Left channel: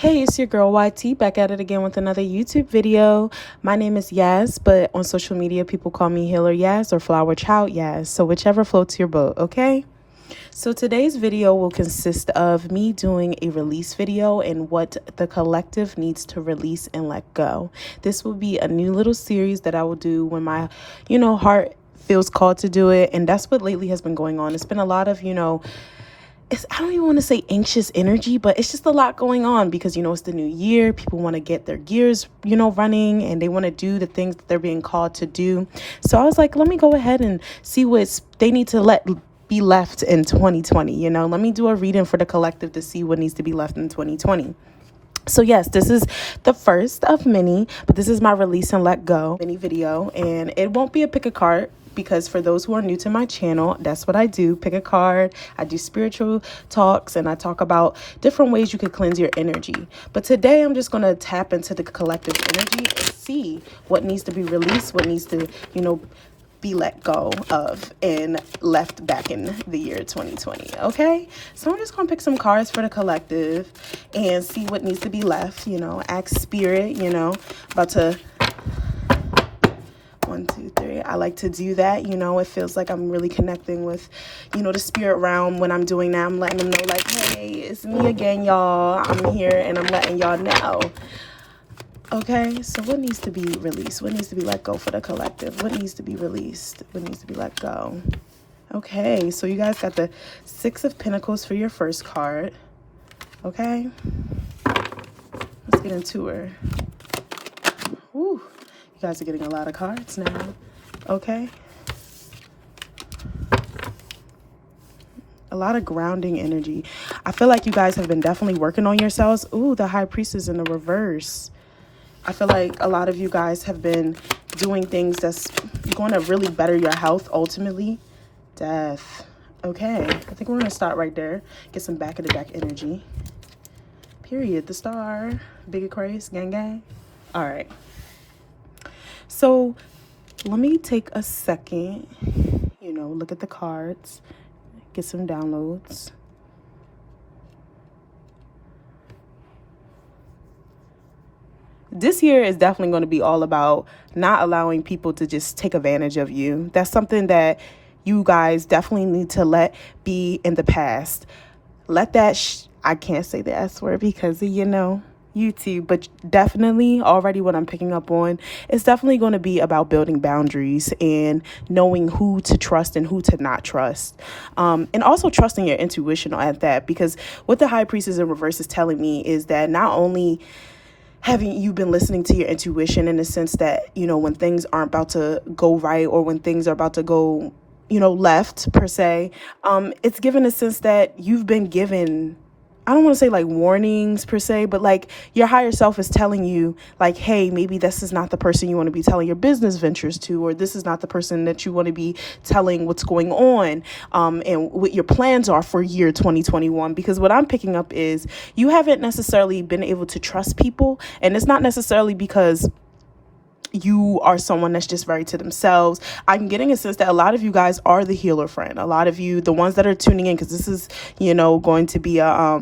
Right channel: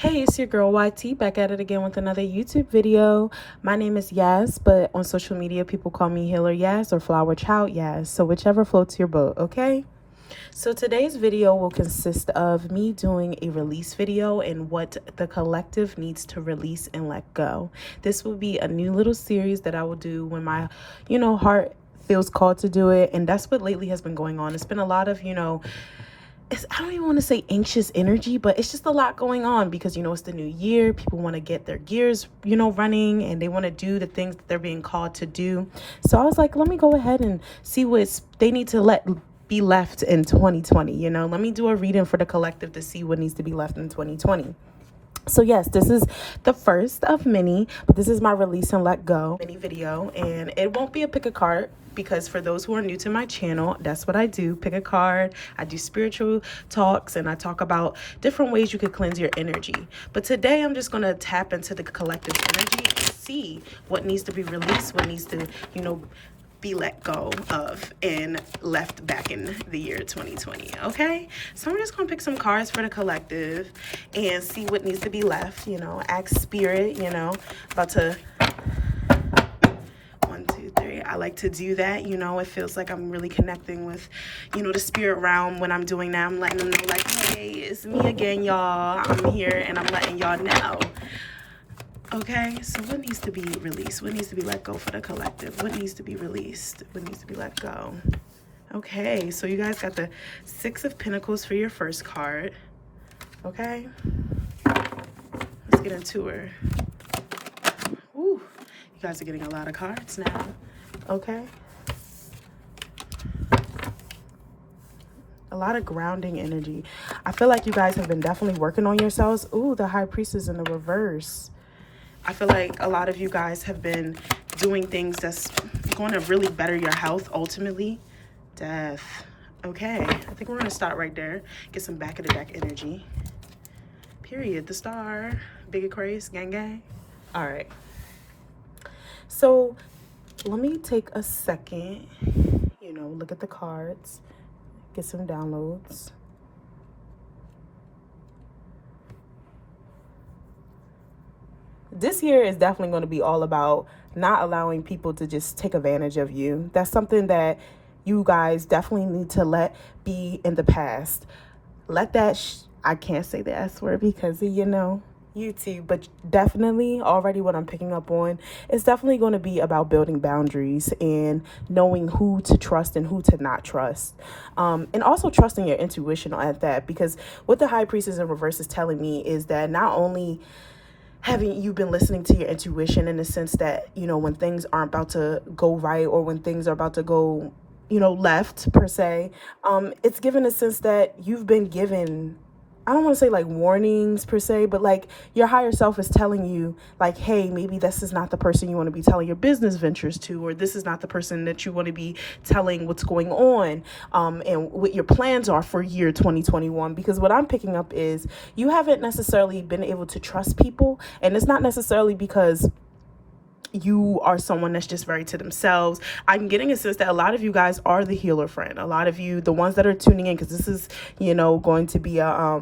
Hey, it's your girl YT back at it again with another YouTube video. My name is Yas, but on social media people call me Healer Yas or Flower Child Yas. So whichever floats your boat, okay? So today's video will consist of me doing a release video and what the collective needs to release and let go. This will be a new little series that I will do when my, heart feels called to do it. And that's what lately has been going on. It's been a lot of, I don't even want to say anxious energy, but it's just a lot going on because, it's the new year. People want to get their gears, running, and they want to do the things that they're being called to do. So I was like, let me go ahead and see what they need to be left in 2020. Let me do a reading for the collective to see what needs to be left in 2020. So yes, this is the first of many, but this is my release and let go mini video, and it won't be a pick a card because for those who are new to my channel, that's what I do. Pick a card. I do spiritual talks and I talk about different ways you could cleanse your energy. But today I'm just going to tap into the collective energy and see what needs to be released, what needs to, be let go of and left back in the year 2020. Okay, so I'm just gonna pick some cards for the collective and see what needs to be left. Ask spirit. About to 1 2 3. I like to do that. It feels like I'm really connecting with the spirit realm when I'm doing that. I'm letting them know, like, hey, it's me again, y'all. I'm here and I'm letting y'all know. Okay, so what needs to be released? What needs to be let go for the collective? What needs to be released? What needs to be let go? Okay, so you guys got the 6 of Pentacles for your first card. Okay, let's get into her. Ooh, you guys are getting a lot of cards now. Okay. A lot of grounding energy. I feel like you guys have been definitely working on yourselves. Ooh, the High Priestess in the reverse. I feel like a lot of you guys have been doing things that's going to really better your health ultimately. Death. Okay, I think we're going to start right there. Get some back of the deck energy. Period. The Star. Big Aquarius. Gang gang. All right. So let me take a second, look at the cards. Get some downloads. This year is definitely going to be all about not allowing people to just take advantage of you. That's something that you guys definitely need to let be in the past. Let that, I can't say the S word because, YouTube, but definitely already what I'm picking up on, it's definitely going to be about building boundaries and knowing who to trust and who to not trust. And also trusting your intuition at that, because what the High Priestess in reverse is telling me is that not only having you been listening to your intuition in the sense that, when things aren't about to go right or when things are about to go, left per se, it's given a sense that you've been given, I don't want to say like warnings per se, but like your higher self is telling you like, hey, maybe this is not the person you want to be telling your business ventures to, or this is not the person that you want to be telling what's going on and what your plans are for year 2021. Because what I'm picking up is you haven't necessarily been able to trust people, and it's not necessarily because you are someone that's just very to themselves. I'm getting a sense that a lot of you guys are the healer friend. A lot of you, the ones that are tuning in, because this is, going to be a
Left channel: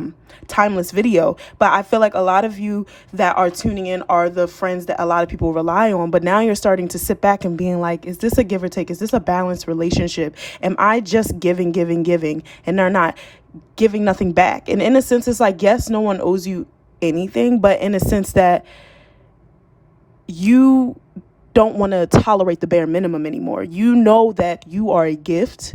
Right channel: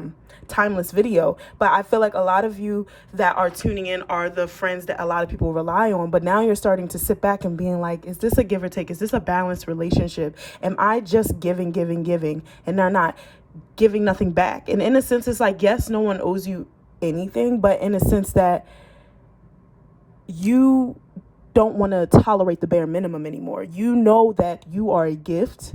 timeless video. But I feel like a lot of you that are tuning in are the friends that a lot of people rely on. But now you're starting to sit back and being like, is this a give or take? Is this a balanced relationship? Am I just giving, and they're not giving nothing back? And in a sense, it's like, yes, no one owes you anything, but in a sense that you don't want to tolerate the bare minimum anymore. You know that you are a gift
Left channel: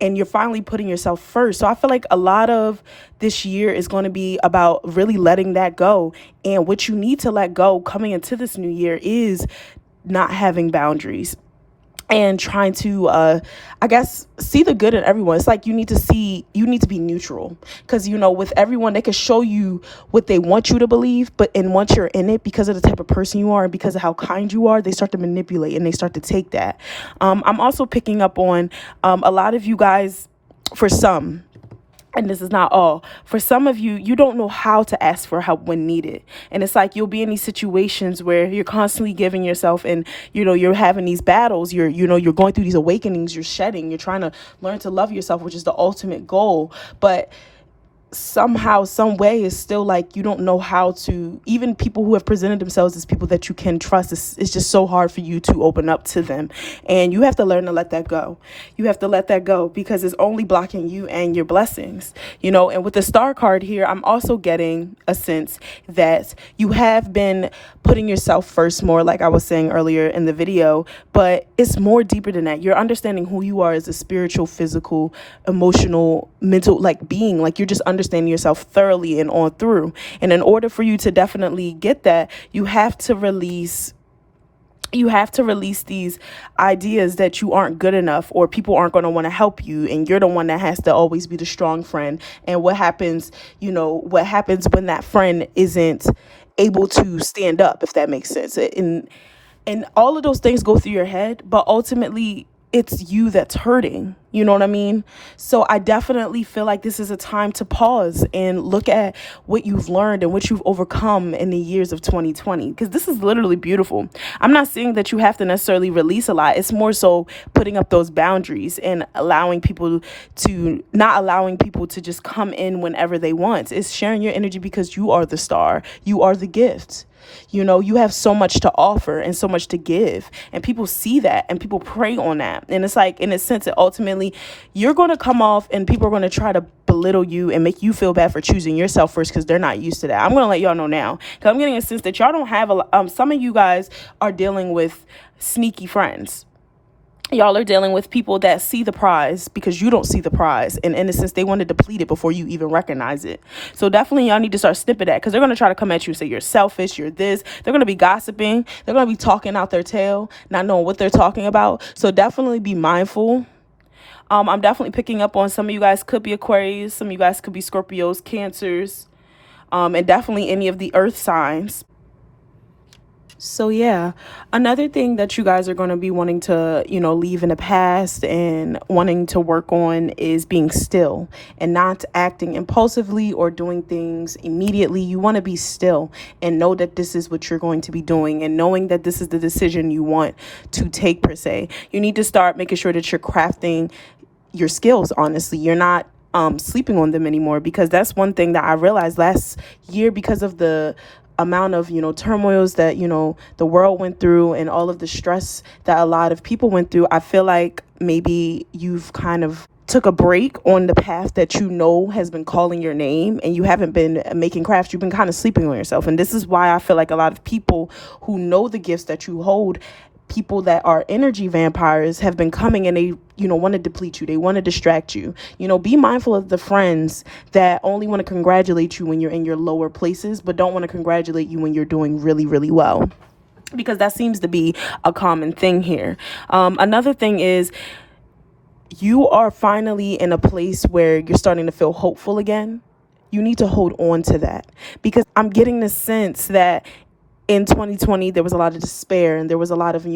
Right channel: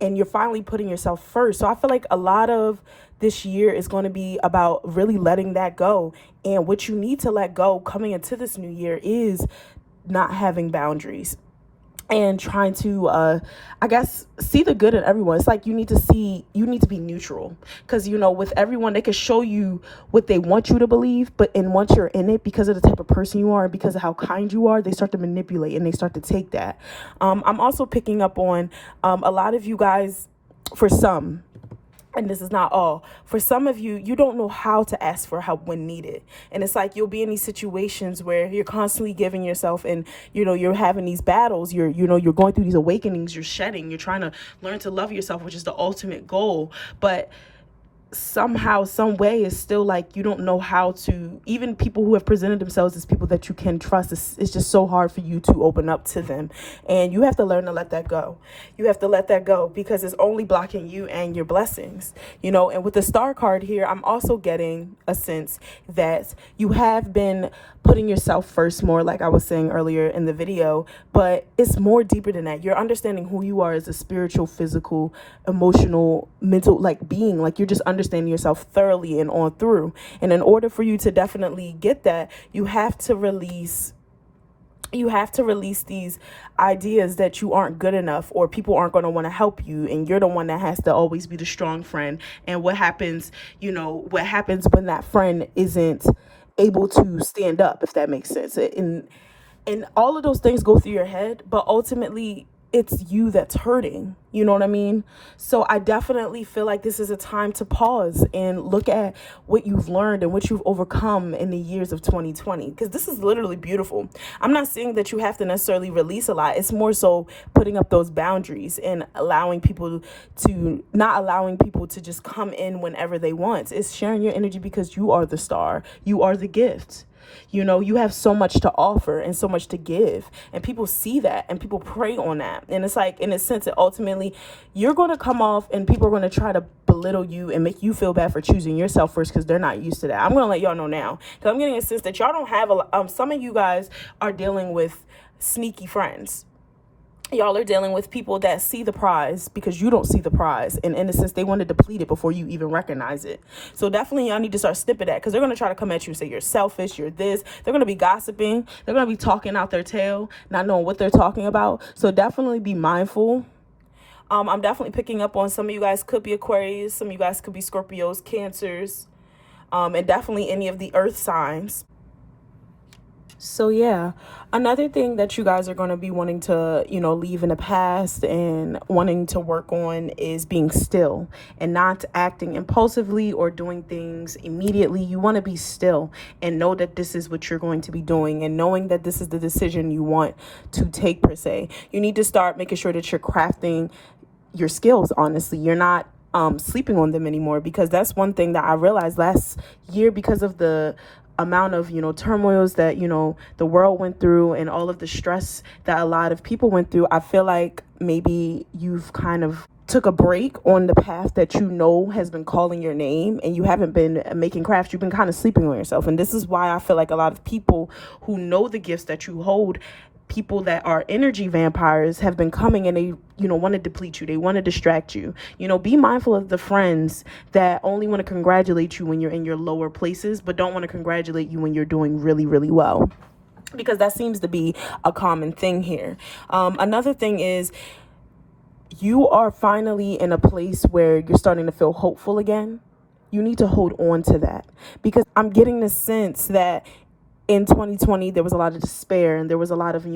and you're finally putting yourself first. So I feel like a lot of this year is going to be about really letting that go. And what you need to let go coming into this new year is not having boundaries and trying to, I guess, see the good in everyone. It's like you need to be neutral, because, with everyone, they can show you what they want you to believe, but once you're in it, because of the type of person you are and because of how kind you are, they start to manipulate and they start to take that. I'm also picking up on a lot of you guys, for some, and this is not all, for some of you, you don't know how to ask for help when needed. And it's like you'll be in these situations where you're constantly giving yourself and, you're having these battles. You're going through these awakenings, you're shedding, you're trying to learn to love yourself, which is the ultimate goal. But somehow, some way, is still like you don't know how to, even people who have presented themselves as people that you can trust, it's just so hard for you to open up to them. And you have to learn to let that go. You have to let that go, because it's only blocking you and your blessings, and with the star card here, I'm also getting a sense that you have been putting yourself first more, like I was saying earlier in the video, but it's more deeper than that. You're understanding who you are as a spiritual, physical, emotional, mental, like being, like you're just understanding yourself thoroughly and on through. And in order for you to definitely get that, you have to release these ideas that you aren't good enough, or people aren't going to want to help you, and you're the one that has to always be the strong friend. And what happens when that friend isn't able to stand up, if that makes sense. And all of those things go through your head, but ultimately it's you that's hurting. You know what I mean? So I definitely feel like this is a time to pause and look at what you've learned and what you've overcome in the years of 2020, because this is literally beautiful. I'm not saying that you have to necessarily release a lot. It's more so putting up those boundaries and not allowing people to just come in whenever they want. It's sharing your energy, because you are the star. You are the gift. You have so much to offer and so much to give, and people see that and people prey on that. And it's like, in a sense, that ultimately you're going to come off and people are going to try to belittle you and make you feel bad for choosing yourself first, because they're not used to that. I'm going to let y'all know now, because I'm getting a sense that y'all don't have some of you guys are dealing with sneaky friends. Y'all are dealing with people that see the prize because you don't see the prize. And in a sense, they want to deplete it before you even recognize it. So definitely y'all need to start snipping that, because they're going to try to come at you and say you're selfish, you're this. They're going to be gossiping. They're going to be talking out their tail, not knowing what they're talking about. So definitely be mindful. I'm definitely picking up on some of you guys could be Aquarius. Some of you guys could be Scorpios, Cancers, and definitely any of the earth signs. So yeah, another thing that you guys are going to be wanting to, leave in the past and wanting to work on is being still and not acting impulsively or doing things immediately. You want to be still and know that this is what you're going to be doing, and knowing that this is the decision you want to take, per se. You need to start making sure that you're crafting your skills, honestly. You're not sleeping on them anymore, because that's one thing that I realized last year, because of the amount of turmoils that the world went through and all of the stress that a lot of people went through. I feel like maybe you've kind of took a break on the path that has been calling your name, and you haven't been making crafts. You've been kind of sleeping on yourself. And this is why I feel like a lot of people who know the gifts that you hold, people that are energy vampires, have been coming, and they want to deplete you. They want to distract you. Be mindful of the friends that only want to congratulate you when you're in your lower places, but don't want to congratulate you when you're doing really, really well, because that seems to be a common thing here. Another thing is, you are finally in a place where you're starting to feel hopeful again. You need to hold on to that, because I'm getting the sense that in 2020, there was a lot of despair, and there was a lot of,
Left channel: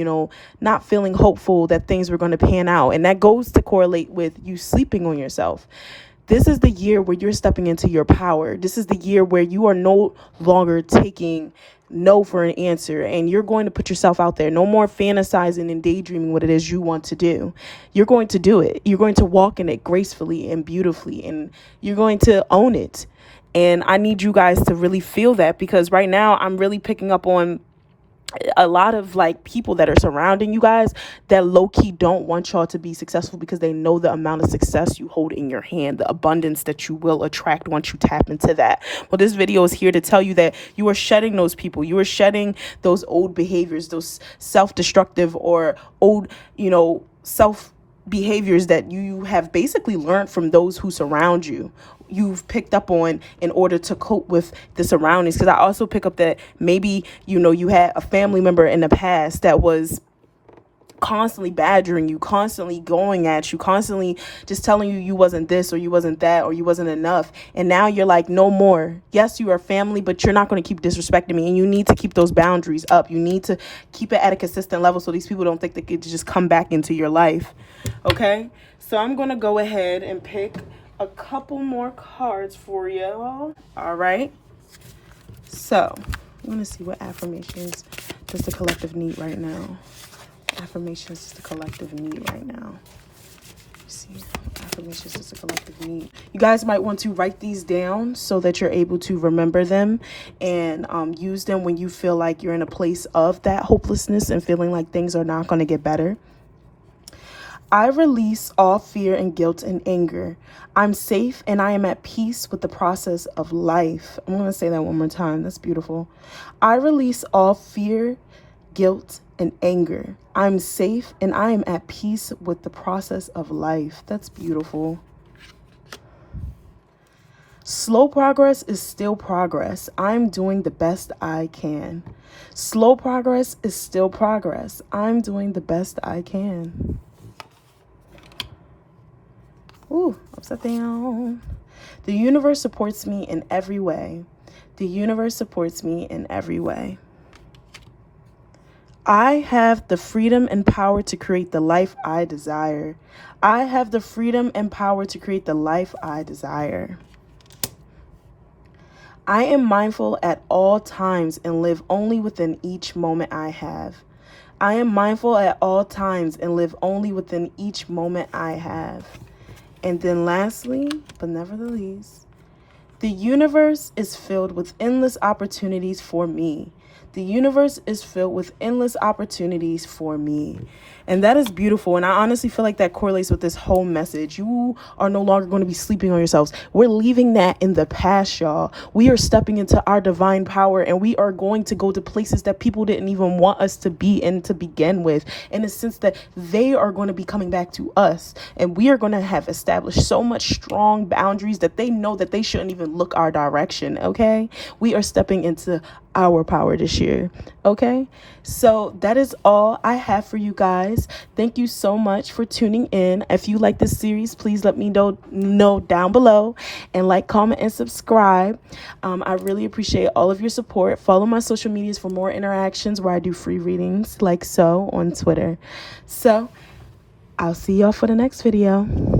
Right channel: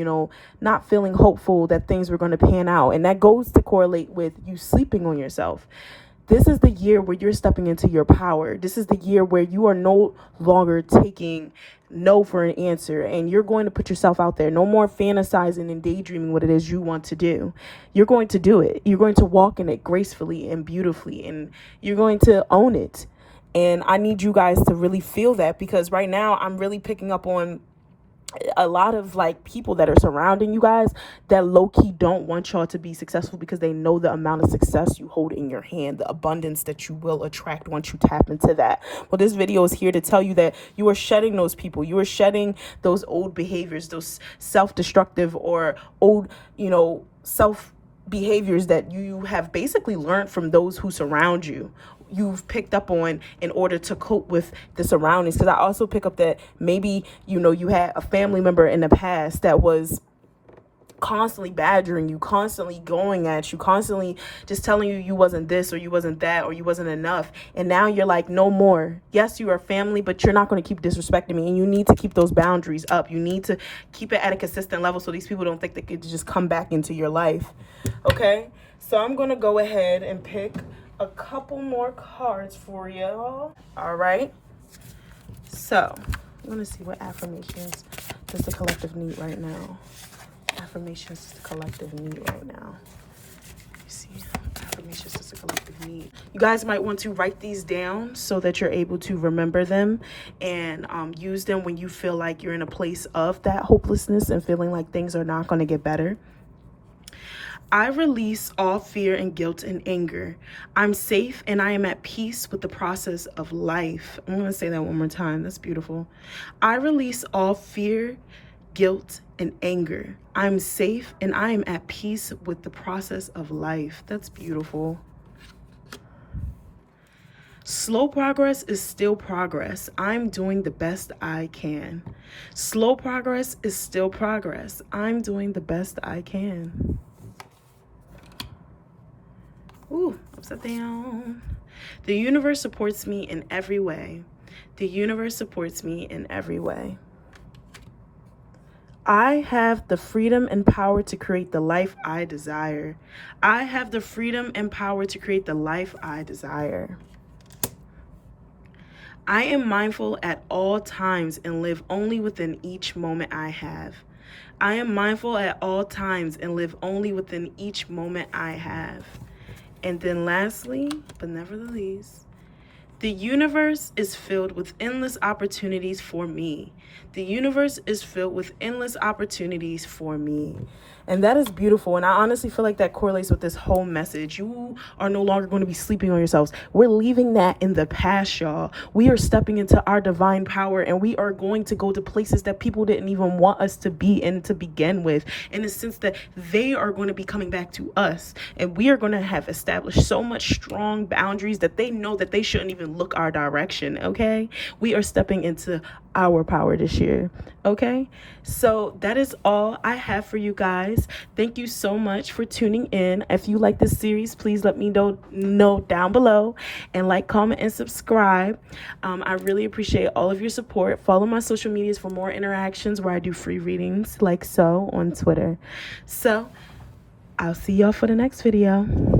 not feeling hopeful that things were going to pan out. And that goes to correlate with you sleeping on yourself. This is the year where you're stepping into your power. This is the year where you are no longer taking no for an answer, and you're going to put yourself out there. No more fantasizing and daydreaming what it is you want to do. You're going to do it. You're going to walk in it gracefully and beautifully, and you're going to own it. And I need you guys to really feel that, because right now I'm really picking up on a lot of people that are surrounding you guys that low-key don't want y'all to be successful, because they know the amount of success you hold in your hand, the abundance that you will attract once you tap into that. Well, this video is here to tell you that you are shedding those people. You are shedding those old behaviors, those self-destructive or old, self behaviors that you have basically learned from those who surround you. You've picked up on in order to cope with the surroundings. Because I also pick up that maybe you had a family member in the past that was constantly badgering you, constantly going at you, constantly just telling you wasn't this or you wasn't that or you wasn't enough. And now you're like, no more. Yes, you are family, but you're not going to keep disrespecting me. And you need to keep those boundaries up. You need to keep it at a consistent level, so these people don't think they get to just come back into your life. Okay, so I'm going to go ahead and pick a couple more cards for y'all. All right, so I'm going to see what affirmations does the collective need right now. Affirmations is the collective need right now. See, affirmations is the collective need. You guys might want to write these down so that you're able to remember them and use them when you feel like you're in a place of that hopelessness and feeling like things are not going to get better. I release all fear and guilt and anger. I'm safe and I am at peace with the process of life. I'm going to say that one more time. That's beautiful. I release all fear, guilt, and anger. I'm safe and I am at peace with the process of life. That's beautiful. Slow progress is still progress. I'm doing the best I can. Slow progress is still progress. I'm doing the best I can. Ooh, upside down. The universe supports me in every way. The universe supports me in every way. I have the freedom and power to create the life I desire. I have the freedom and power to create the life I desire. I am mindful at all times and live only within each moment I have. I am mindful at all times and live only within each moment I have. And then lastly, but never the least, the universe is filled with endless opportunities for me. The universe is filled with endless opportunities for me. And that is beautiful. And I honestly feel like that correlates with this whole message. You are no longer going to be sleeping on yourselves. We're leaving that in the past, y'all. We are stepping into our divine power and we are going to go to places that people didn't even want us to be in to begin with. In the sense that they are going to be coming back to us. And we are going to have established so much strong boundaries that they know that they shouldn't even look our direction. Okay? We are stepping into our power this year. Okay? So that is all I have for you guys. Thank you so much for tuning in. If you like this series, please let me know down below and like, comment, and subscribe. I really appreciate all of your support. Follow my social medias for more interactions where I do free readings like so on Twitter. So I'll see y'all for the next video.